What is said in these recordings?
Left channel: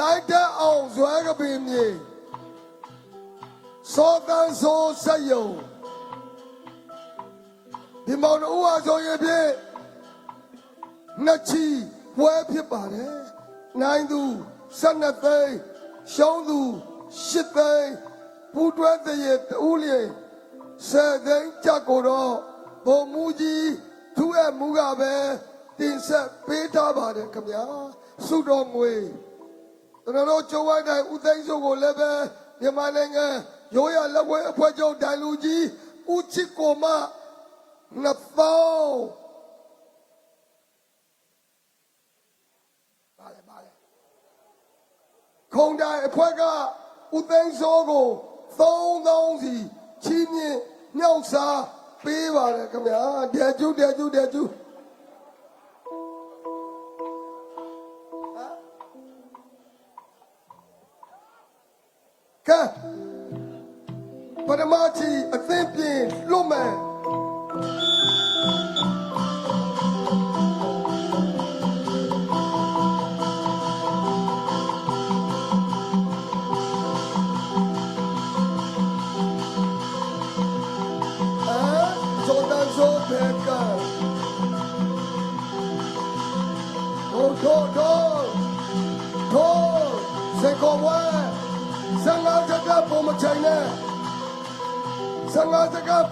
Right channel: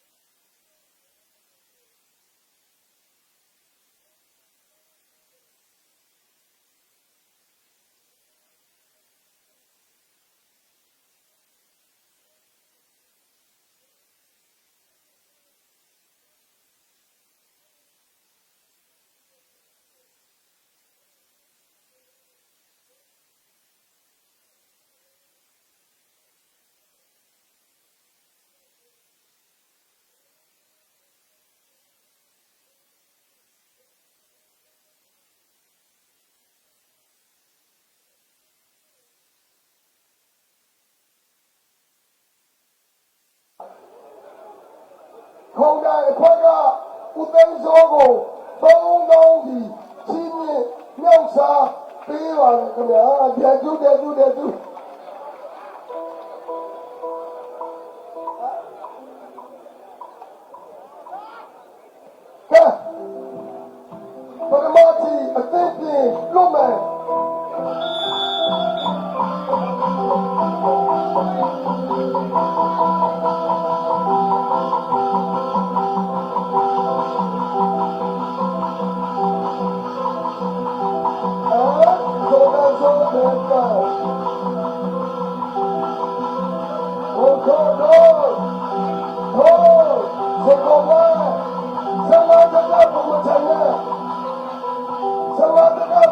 လိုက်တဲ့အောင်ဇွဲကပင်မြေစောတန်းဆိုးဆက်ယုံဒီမောင်တို့ဟာဆိုရင်ဖြင့်နှစ်ချီပွဲဖြစ်ပါတယ်နိုင်သူ12သိန်းရှုံးသူ8သိန်းပူတွဲတရေတူးလျင်10သိန်းကြက်ကိုတော့ဘုံမူကြီးသူ့ရဲ့မူကပဲတင်ဆက်ပေးထားပါတယ်ခင်ဗျာစုတော်ငွေ ကျွန်တော်တို့ကျုံဝိုင်းတိုင်းဦးသိန်းစုကိုလည်းပဲမြန်မာနိုင်ငံရိုးရလက်ဝဲအဖွဲ့ချုပ်တိုင်လူကြီးဦးချစ်ကိုမနှစ်ပေါင်းခုံတိုင်းအဖွဲ့ကဦးသိန်းစုကိုသုံးသောင်းစီချင်းမြင့်မြောက်စားပေးပါလေခင်ဗျာတရားကျူးတရားကျူးတရားကျူးကဲ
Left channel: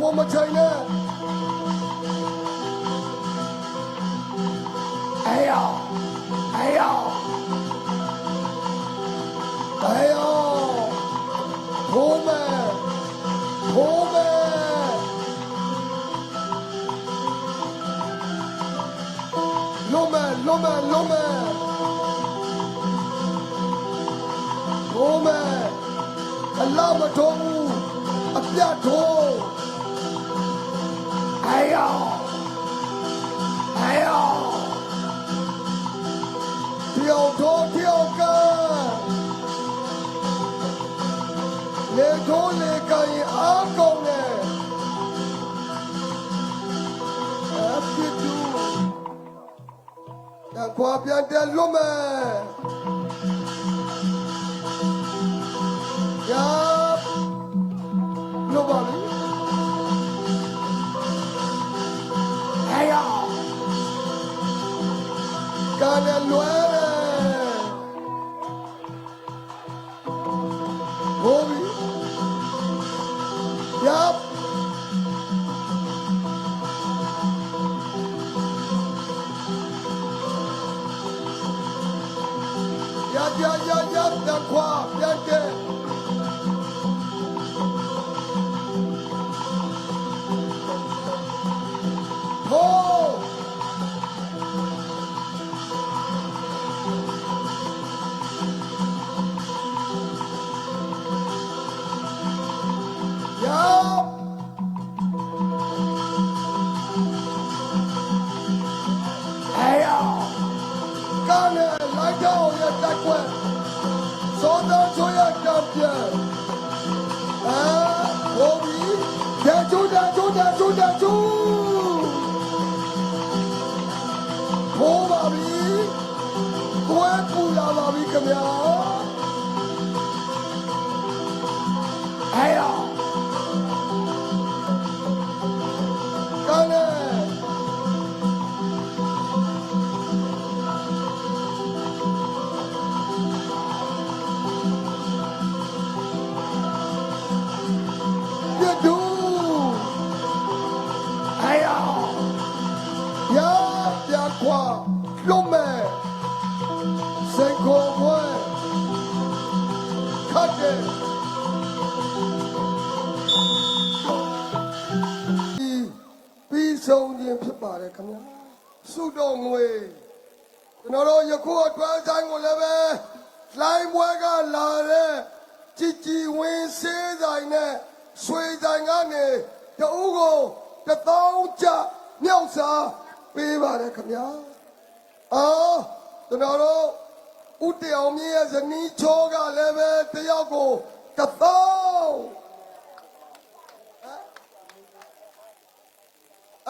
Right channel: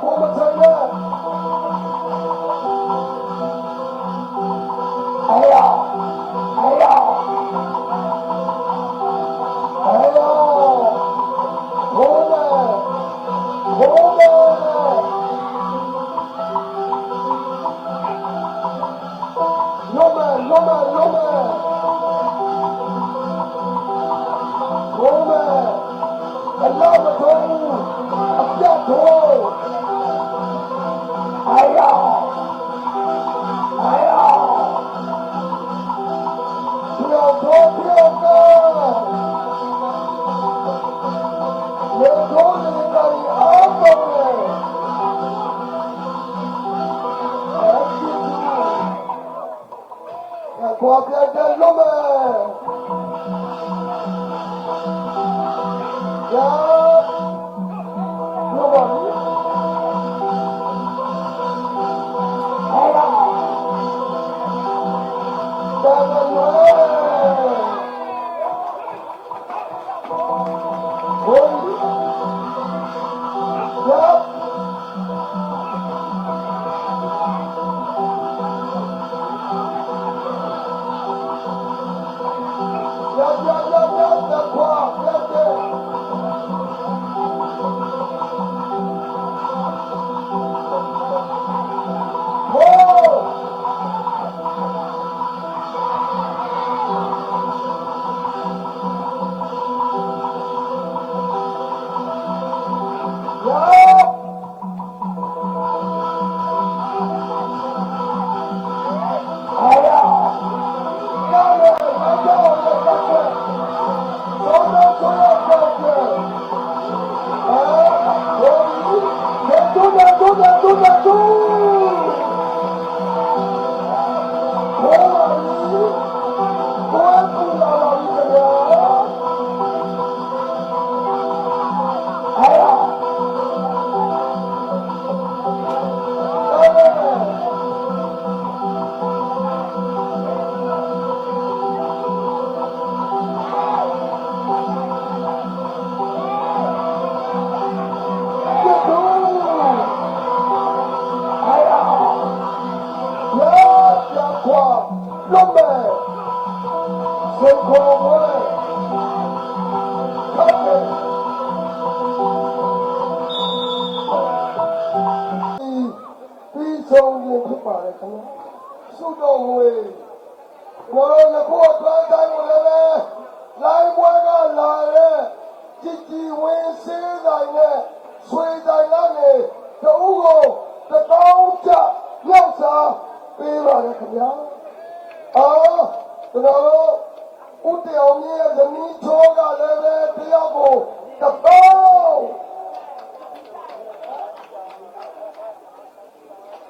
ရာတကဘုံမချင်နဲ့အေးရောအေးရောအေးရောဘုံမဲဘုံမဲလုံးမဲ နဲ့ဆွေတိုင်းကနေတအုပ်ကိုတစ်သောင်းကျမြောက်စာပေးပါလေခင်ဗျာအော်ကျွန်တော်တို့ဦးတောင်ကြီးရဲ့ဇနီးချောကလည်းပဲတယောက်ကိုတစ်သောင်း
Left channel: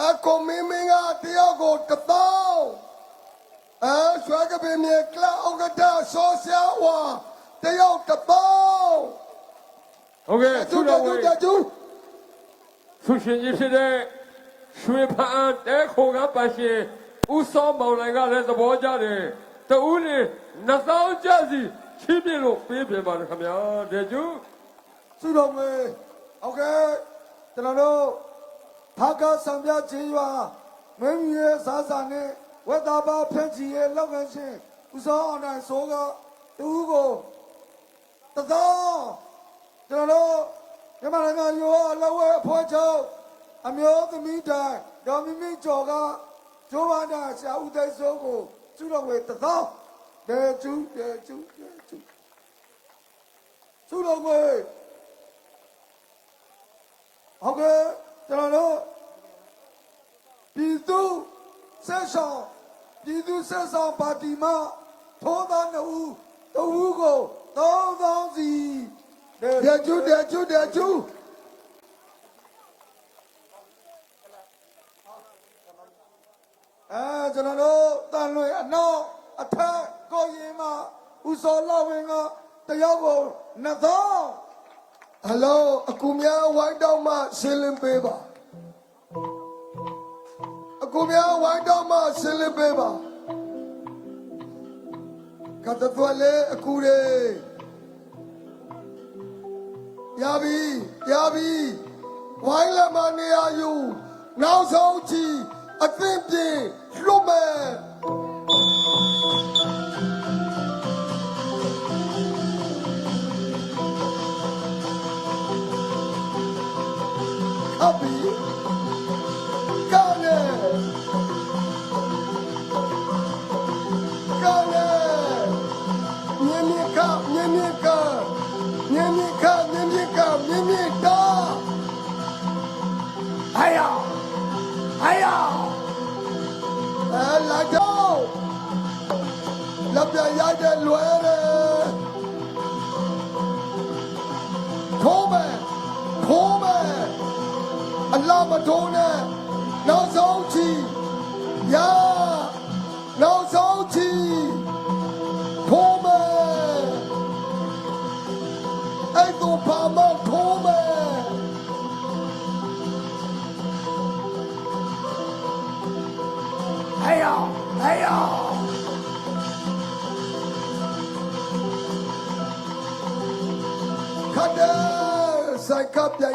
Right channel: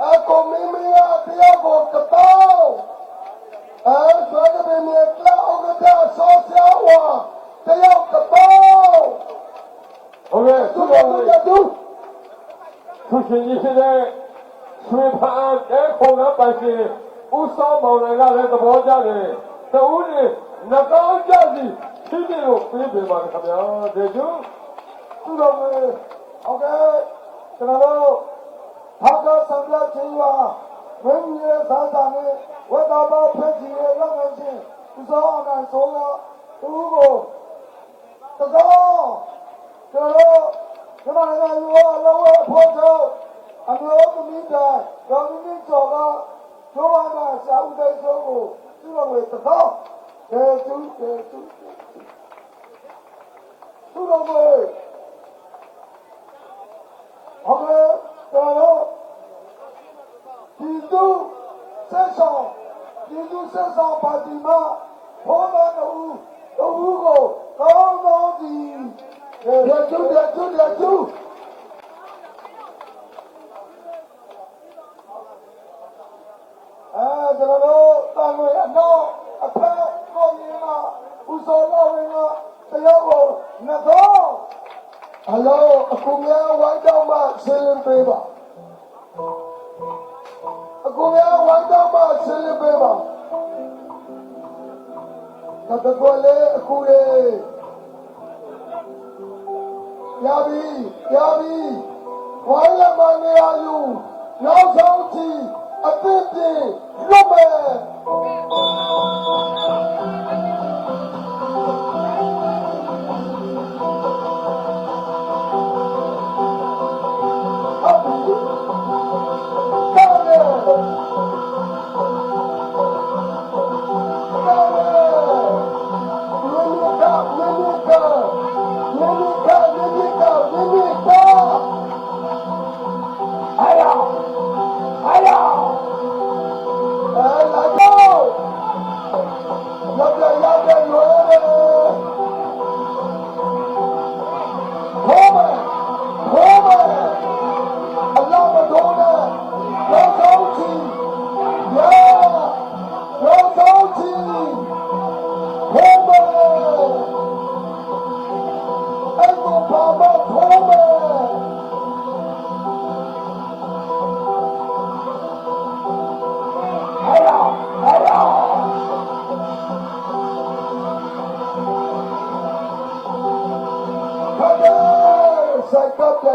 အကောင်မင်းမင်းကတယောက်ကိုတစ်သောင်းအဲဆွဲကပင်မြေကလောက်အကတဆောဆရာဝါ သူရှင်ကြီးဖြစ်တဲ့ရွှေဖန်တဲခုံရပါရှင်ဦးစောမောင်နိုင်ကလည်းသဘောကျတယ်တဦးလေးနှစ်သောင်း ကြစီချင်းပြလို့ပြင်းပြပါခင်ဗျာဒေကျူဆုတော်မေဟုတ်ကဲ့ကျွန်တော်တို့ဘာကဆံပြချင်းပါမင်းကြီးရဲ့စားစာနဲ့ဝတ်တော်ဘာဖြန့်ချီရဲ့လုပ်ငန်းရှင်ဦးစောအောင်နဲ့ဆိုကတူကိုတတော်ကျွန်တော်တို့ကမ္ဘာကရောအလောဝဖော်ချုပ်အမျိုးသမီးတိုင်းဒေါ်မီမီကျော်ကဂျိုးဝါနာဆရာဦးတဲ့ဆုံးကိုဆုတော်မေတတော်ဒေကျူဒေကျူဒေကျူဆုတော်မေဟုတ်ကဲ့ကျွန်တော်တို့ပြည်သူဆက်ဆောင်ပြည်သူဆက်ဆောင်ပါတီမှာထောတော်တူတူကိုတောင်းတောင်းစီ ရကျူရကျူရကျူအဲကျွန်တော်တို့တာမွေအနောက်အထက်ကိုရင်မှာဦးစောတော်ဝင်ကတရားကိုနှစ်သောဟယ်လိုအကူများဝိုင်းတော့မှဆင်းလင်းပေးပါအကူများဝိုင်းတော့မှဆင်းလင်းပေးပါကတ္တတော်လေအကူရေ ရပြီရပြီဝိုင်းလက်မနေရယူနောက်ဆုံးချီအသင့်ပြင်လွတ်မယ် စကပ်ပြ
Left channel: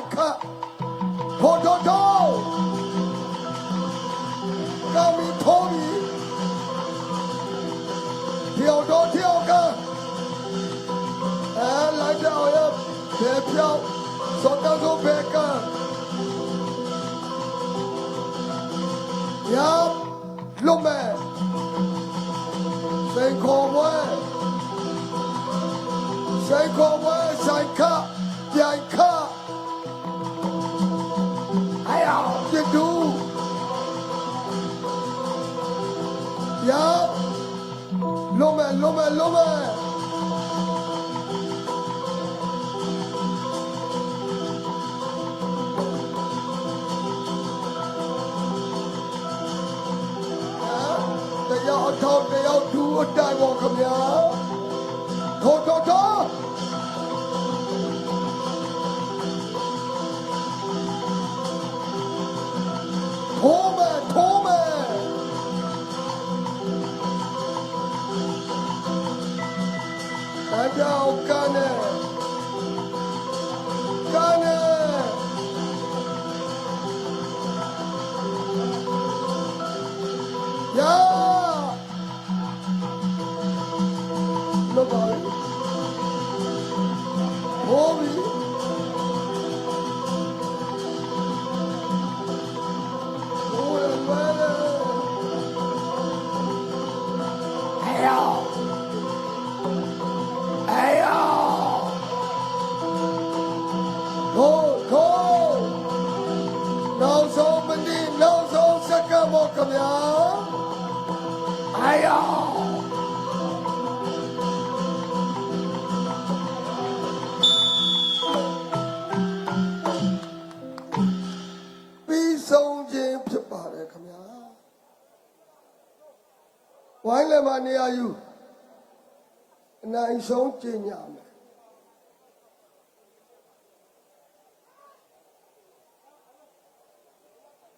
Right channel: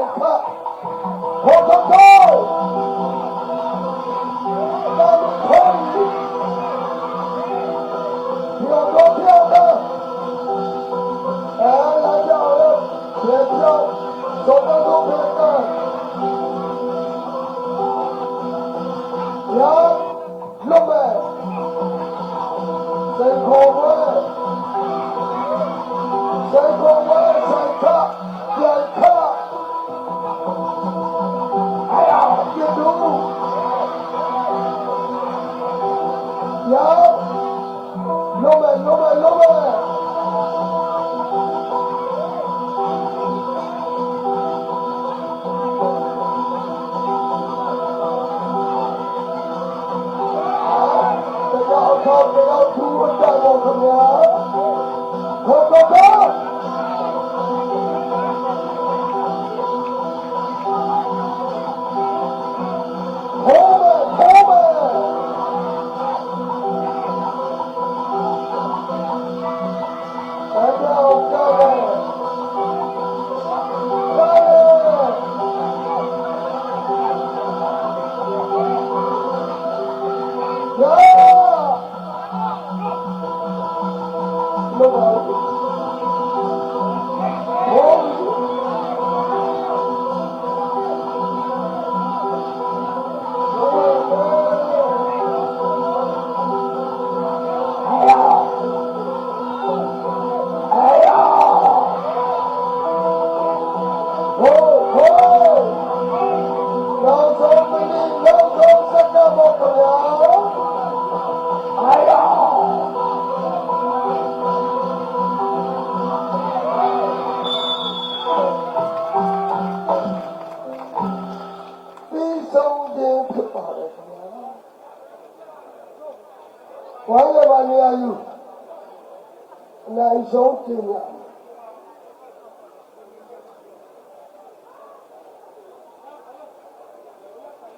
ဆုံးခြင်းညာမယ်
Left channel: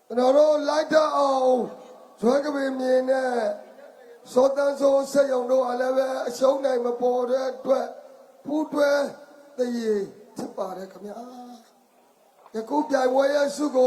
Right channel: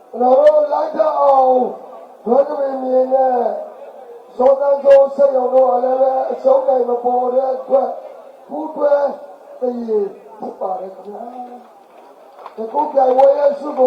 ကျွန်တော်တို့လိုက်တော့အောင်ဇွဲကပင်မြင်နဲ့စောတန်းစိုးစိတ်အောင်တော့လည်းပဲအရှုံးနိုင်မပေါ်တဲ့အတွက်ပူတွဲတည်ရဖြစ်ပါတယ်ခင်ဗျာယခုပြိုင်ပွဲရစုကို